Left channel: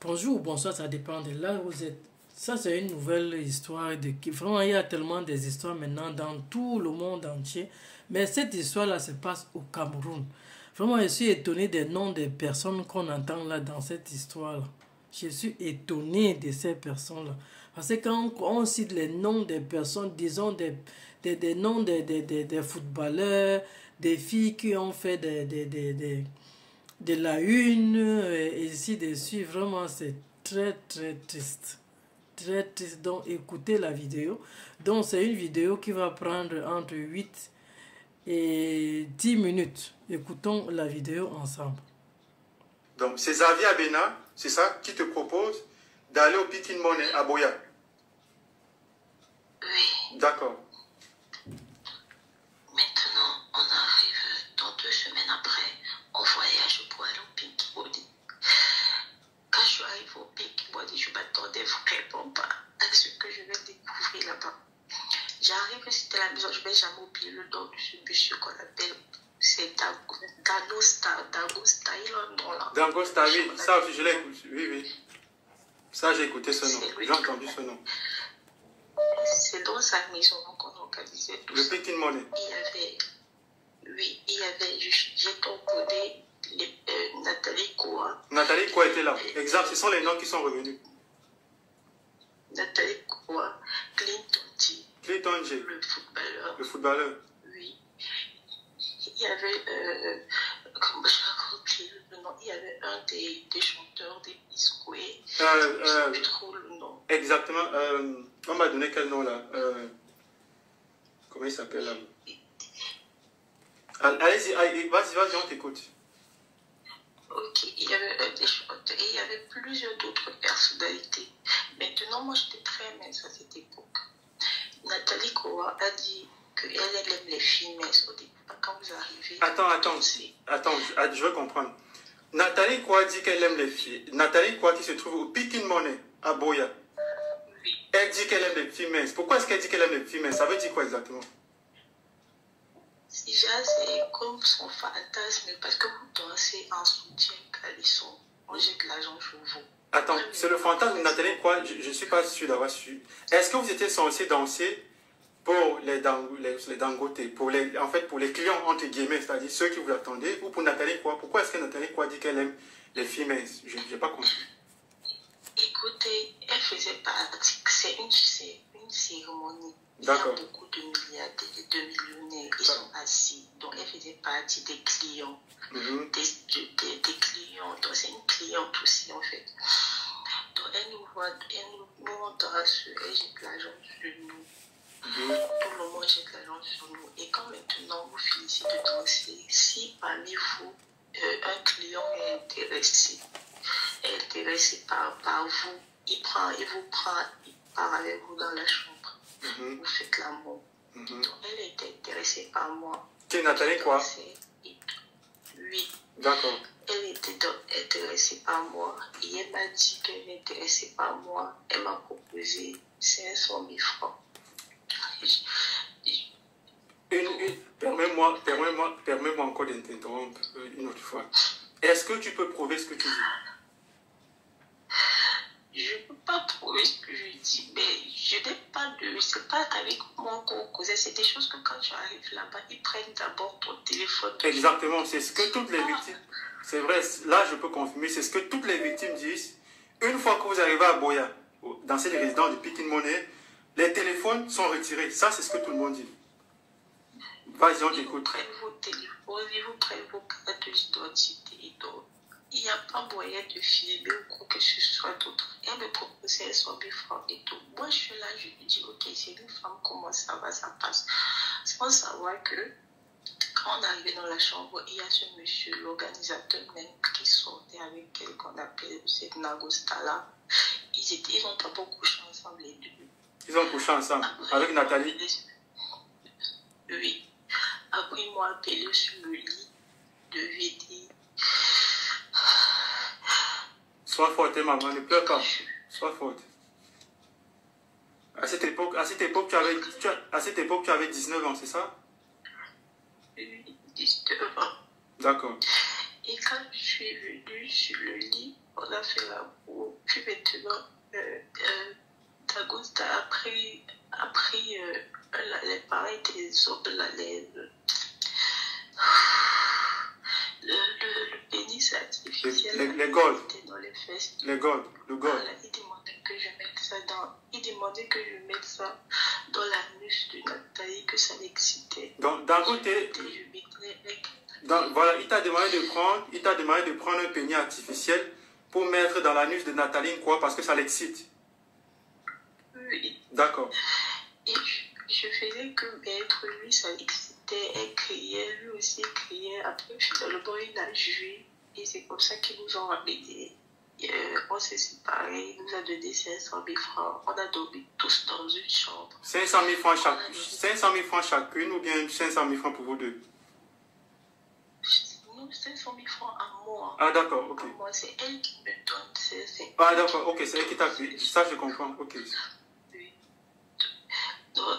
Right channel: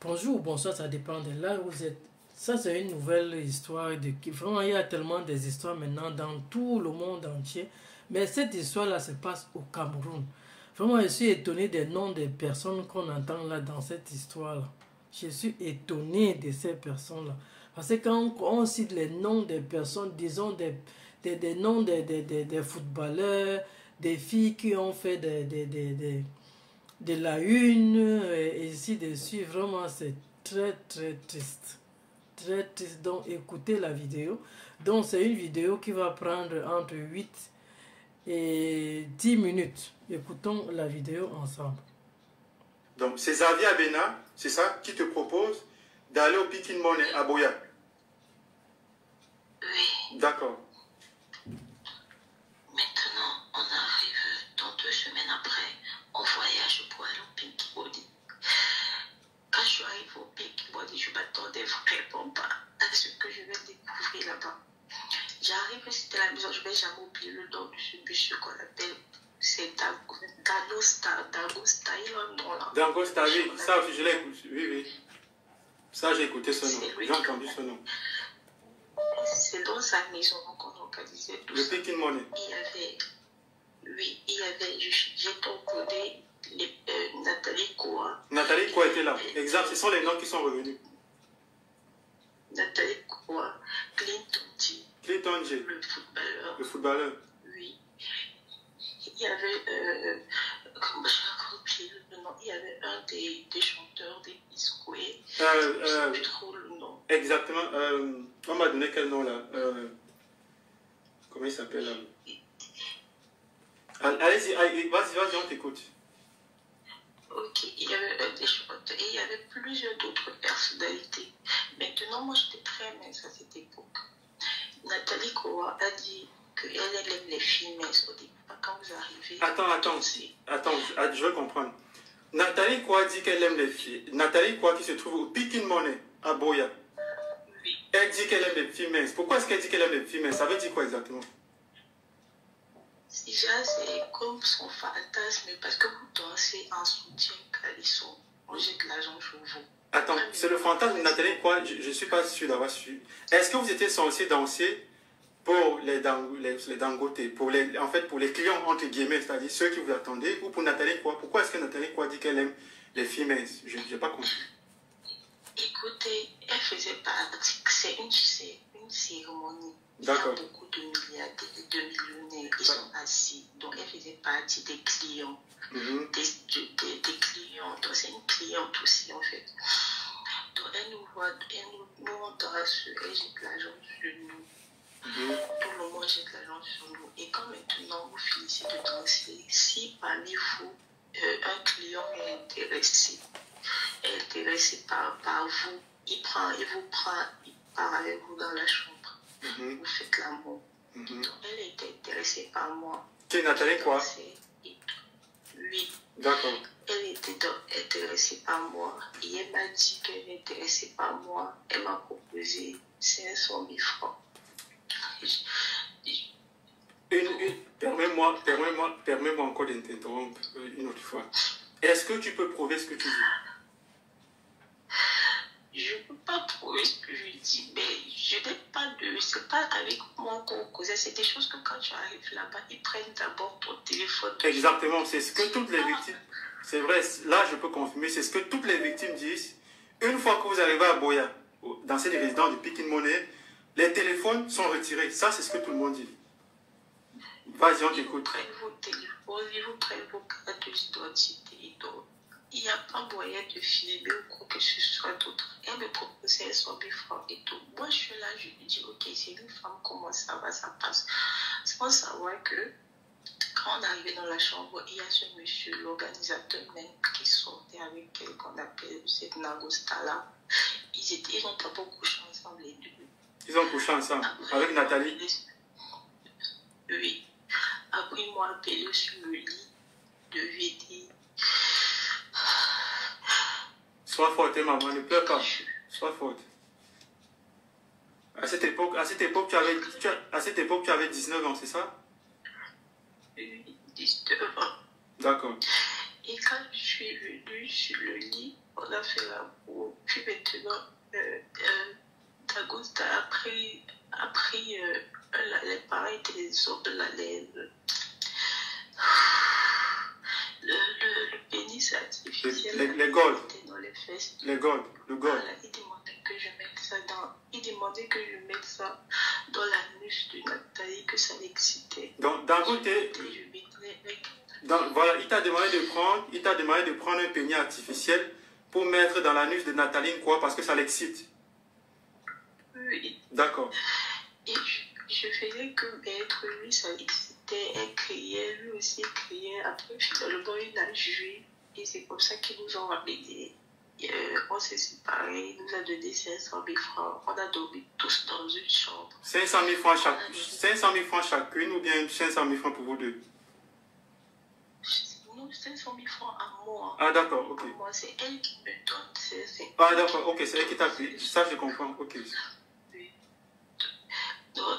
Bonjour ou bonsoir, ça dépend de là où vous êtes. Ça, c'est une nouvelle histoire. Vraiment, il y a tellement des histoires maintenant dans tout le monde entier. Mais cette histoire-là se passe au Cameroun. Vraiment, je suis étonné des noms des personnes qu'on entend là dans cette histoire-là. Je suis étonné de ces personnes-là. Parce que quand on cite les noms des personnes, disons des noms des footballeurs, des filles qui ont fait de la une, et ainsi de suite, vraiment, c'est très, très triste. Très triste. Donc, écoutez la vidéo. Donc, c'est une vidéo qui va prendre entre 8 et 10 minutes. Écoutons la vidéo ensemble. Donc, c'est Xavier Abena, c'est ça, qui te propose d'aller au Pikin Money à Boya. Oui. D'accord. Maintenant, on arrive dans 2 semaines après, on voyage pour aller au Pink Body. Quand je suis arrivée au Pink Body, je m'attendais vraiment pas à ce que je vais découvrir là-bas. J'arrive, c'était la maison, je ne vais jamais oublier le nom de ce monsieur qu'on appelle, c'est Dagosta, il a un nom là. Dagosta, oui, ça aussi je l'ai écouté, oui. Ça j'ai écouté ce nom, j'ai entendu ce nom. C'est dans sa maison qu'on organisait tout ça. Le Pikin Money. Il y avait, j'ai tombé Nathalie Koa. Nathalie Koa était là, exact, ce sont les noms qui sont revenus. Nathalie Koa, Clinton J. Le footballeur. Oui. Il y avait, comment je oublié le nom, il y avait un des chanteurs des Biscuits. Je ne sais plus trop le nom. Exactement. On m'a donné quel nom là comment il s'appelle là? Allez-y, vas-y, on t'écoute. Ok, il y avait un des chanteurs et il y avait plusieurs d'autres personnalités. Maintenant, moi, j'étais très mince à cette époque. Nathalie Koa a dit qu'elle aime les filles minces au début. Quand vous arrivez... Attends, je veux comprendre. Nathalie Koa dit qu'elle aime les filles. Nathalie Koa qui se trouve au Pikin Money à Boya. Oui. Elle dit qu'elle aime les filles minces. Pourquoi est-ce qu'elle dit qu'elle aime les filles minces? Ça veut dire quoi exactement? Déjà, c'est comme son fantasme, parce que vous dansez en soutien caleçon. On jette l'argent sur vous. Attends, c'est le fantasme de Nathalie Koa, je ne suis pas sûr d'avoir su. Est-ce que vous étiez censé danser pour les dangotés, pour les clients entre guillemets, c'est-à-dire ceux qui vous attendaient, ou pour Nathalie Koa? Pourquoi est-ce que Nathalie Koa dit qu'elle aime les filles minces? Je n'ai pas compris. Écoutez, elle faisait partie, c'est une cérémonie. Il y a beaucoup de milliardaires et de millionnaires qui sont assis. Donc, elle faisait partie des clients. Des clients. Donc, c'est une cliente aussi, en fait. Donc, elle nous voit, nous on danse, elle jette l'argent sur nous. Tout le monde jette l'argent sur nous. Et quand maintenant vous finissez de danser, si parmi vous, un client est intéressé par vous, il vous prend, il part avec vous dans la chambre. Vous faites l'amour. Donc, elle était intéressée par moi. Qui est Nathalie Koa? Oui. D'accord. Elle était intéressée par moi. Et elle m'a dit qu'elle est intéressée par moi. Elle m'a proposé 500 000 francs. Permets-moi encore de t'interrompre une autre fois. Est-ce que tu peux prouver ce que tu dis? Je ne peux pas prouver ce que je dis, mais je n'ai pas de... C'est pas avec moi qu'on causait. C'est des choses que quand tu arrives là-bas, ils prennent d'abord ton téléphone. Exactement, c'est ce que toutes les victimes... C'est vrai, là je peux confirmer, c'est ce que toutes les victimes disent. Une fois que vous arrivez à Boya, dans cette résidence de Pikin Money, les téléphones sont retirés. Ça, c'est ce que tout le monde dit. Vas-y, on t'écoute. Ils prennent vos téléphones, ils vous prennent vos cartes d'identité. Donc, il n'y a pas moyen de filmer ou quoi que ce soit d'autre. Elle me proposait 100 000 francs et tout. Moi, je suis là, je lui dis, ok, c'est une femme, comment ça va, ça passe. Sans savoir que, quand on arrivait dans la chambre, il y a ce monsieur, l'organisateur même, qui sortait avec elle, qu'on appelle cette Nagosta là. Ils ont pas beaucoup couché ensemble, les deux. Ils ont couché ensemble, avec Nathalie? Oui. Après, ils m'ont appelé sur le lit de lui et dit... Sois forte, maman, ne pleure pas. Sois forte. À cette époque, tu avais 19 ans, c'est ça? Oui, 19 ans. D'accord. Et quand je suis venue sur le lit, on a fait l'amour. Puis maintenant, Dagosta a pris l'appareil des os de la laine. Le pénis artificiel. Les golds. Dans les fesses. Le gold. Voilà, il demandait que je mette ça dans l'anus de Nathalie, que ça l'excitait. Donc, d'un côté, voilà, il t'a demandé de prendre un pénis artificiel pour mettre dans l'anus de Nathalie, quoi, parce que ça l'excite. Oui. D'accord. Et je faisais que mettre, lui, ça l'excitait, elle criait, lui aussi criait. Après, finalement, il a joué. Et c'est comme ça qu'ils nous ont ramenés. On s'est séparés, il nous a donné 500 000 francs. On a dormi tous dans une chambre. 500 000 francs chacune ou bien 500 000 francs pour vous deux? Non, 500 000 francs à moi. Ah, d'accord, ok. Moi, c'est elle qui me donne. Ah, d'accord, ok, c'est elle qui t'a pris. Ça, je comprends, ok. Oui. Donc,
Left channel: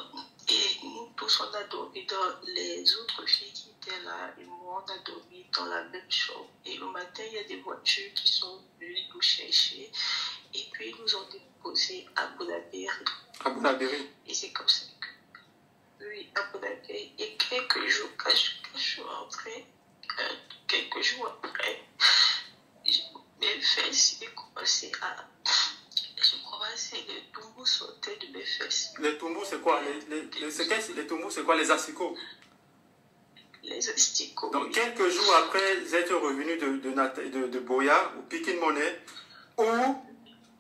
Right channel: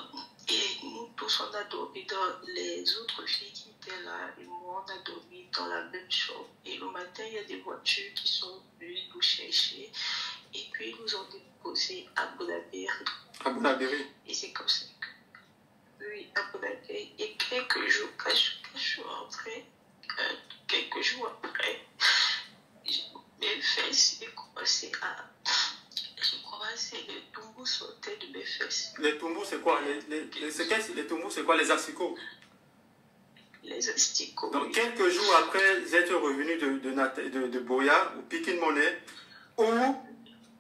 et nous tous, on a dormi dans les autres filles qui étaient là. Et moi, on a dormi dans la même chambre. Et le matin, il y a des voitures qui sont venues nous chercher. Et puis, ils nous ont déposés à Bonabéry. À Bonabéry. Et c'est comme ça que... Oui, à Bonabéry. Et quelques jours, quand je suis rentrée, quelques jours après, mes fesses, j'ai commencé à... les tombous sautaient de mes fesses. Les tombous, c'est quoi? Les tombous, c'est quoi? Les asticots? Les asticots. Donc, quelques jours après être revenu de Boya, ou Pikin Monnaie, où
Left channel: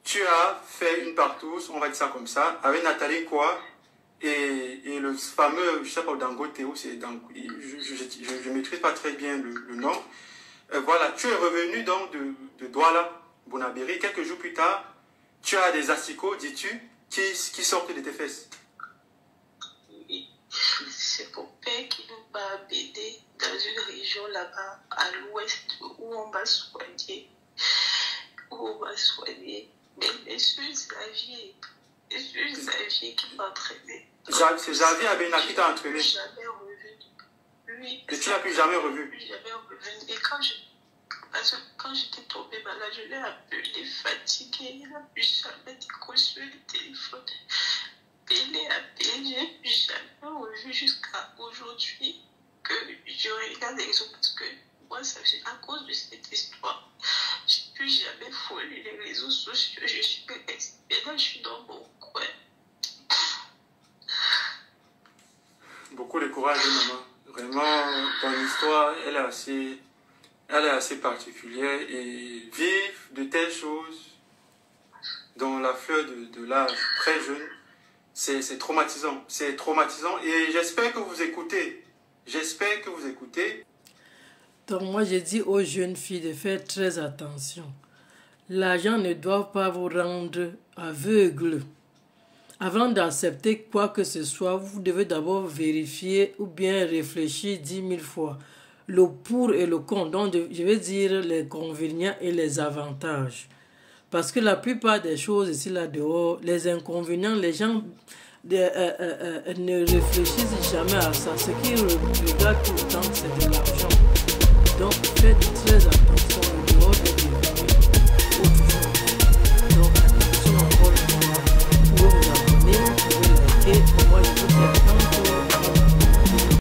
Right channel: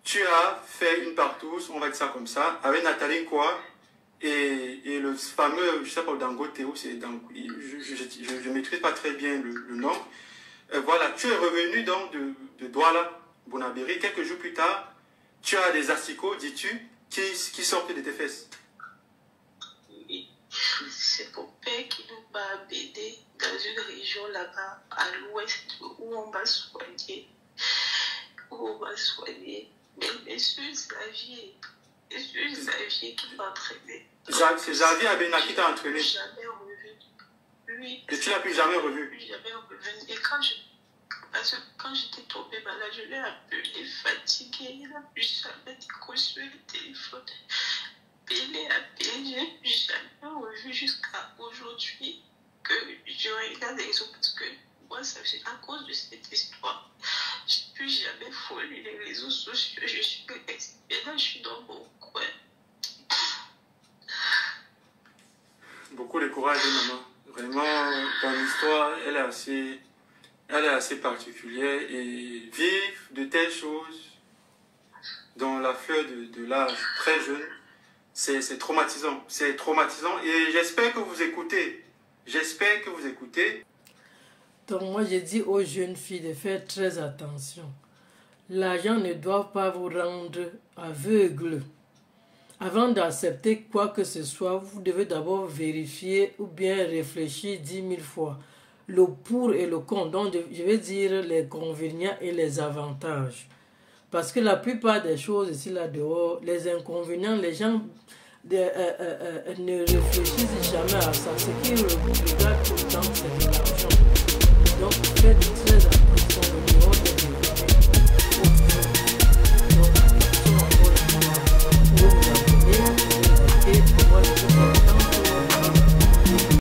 tu as fait une partouze, on va dire ça comme ça, avec Nathalie quoi, et le fameux, je sais pas, Dangote, ou c'est Dangote, je ne maîtrise pas très bien le nom. Voilà, tu es revenu donc de Douala, Bonabéry, quelques jours plus tard, tu as des asticots, dis-tu, qui sortent de tes fesses. Oui, c'est mon père qui nous m'a aidé dans une région là-bas, à l'ouest, où on m'a soigné. Mais monsieur Xavier qui m'a entraîné. C'est Xavier Abena qui t'a entraîné. Jamais revu. Oui. Et tu l'as plus jamais revu. Jamais revu. Et parce que quand j'étais tombée malade, je l'ai appelé fatiguée. Il n'a plus jamais décroché le téléphone. Il l'ai appelé, je n'ai plus jamais revu jusqu'à aujourd'hui que je regarde les autres parce que moi, c'est à cause de cette histoire. Je n'ai plus jamais foulé les réseaux sociaux. Je suis restée. Là, je suis dans mon coin. Beaucoup de courage, maman. Vraiment, ton histoire, elle est assez particulière et vivre de telles choses dans la fleur de l'âge très jeune, c'est traumatisant. C'est traumatisant et j'espère que vous écoutez. J'espère que vous écoutez. Donc moi, je dis aux jeunes filles de faire très attention. L'argent ne doit pas vous rendre aveugle. Avant d'accepter quoi que ce soit, vous devez d'abord vérifier ou bien réfléchir 10 000 fois. Le pour et le contre, donc je vais dire les inconvénients et les avantages. Parce que la plupart des choses ici là-dehors, les inconvénients, les gens ne réfléchissent jamais à ça. Ce qu'ils regardent tout le temps, c'est